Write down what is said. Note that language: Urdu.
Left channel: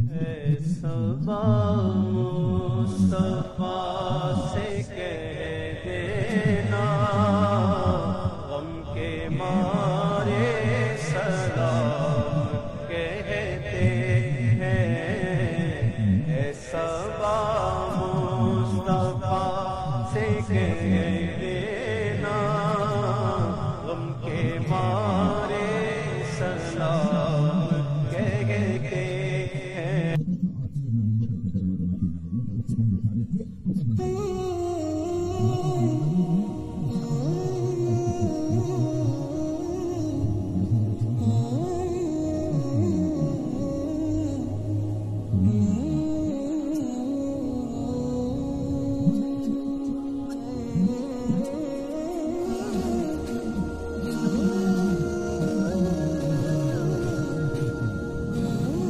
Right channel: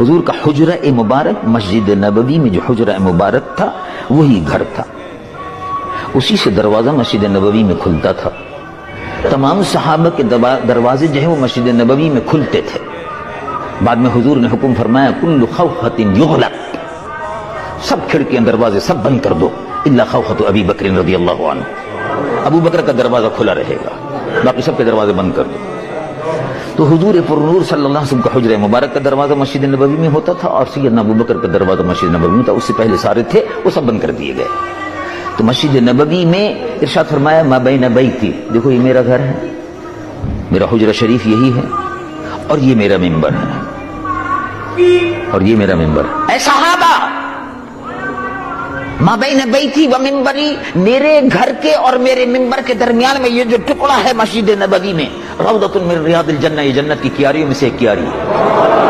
حضور کا حجرہ مبارک مسجد نبوی میں جو حجرہ مبارک تھا وہی گھر تھا، اسی سے دروازہ مسجد نبوی میں کھلتا تھا۔ تمام صحابہ کے دروازے جو ہے وہ مسجد نبوی میں کھلتے تھے۔ بعد میں حضور نے حکم فرمایا کل خوخۃ یغلق، سب کھڑکیاں دروازے سب بند کر دو الا خوخۃ ابی بکر رضی اللہ عنہ، ابو بکر کا دروازہ کھلا رہے گا، باقی سب کے دروازے بند کر دو۔ تو حضور پر نور صلی اللہ علیہ وسلم کا حجرہ مبارک کا دروازہ مسجد نبوی میں ہوتا تھا، اور سیدنا ابو بکر کا دروازہ مسجد نبوی میں تھا، اس سے پہلے سارے تھے وہ سب بند کر دیے گئے۔ تو مسجد نبوی میں ارشاد فرمایا ما بین بیتی، دیکھو یہ میرا گھر ہے، میرا حجرہ شریف یہی ہے، اور یہ میرا ممبر ہے، اور یہ میرا ممبر ہے۔ اے صحابہ، ما بین بیتی و ممبری، میرے گھر کے اور میرے ممبر کے درمیان میں یہ جو ٹکڑا ہے مسجد نبوی میں، روضۃ من ریاض الجنہ، یہ جنت کی کیاریوں میں سے ایک کیاری ہے۔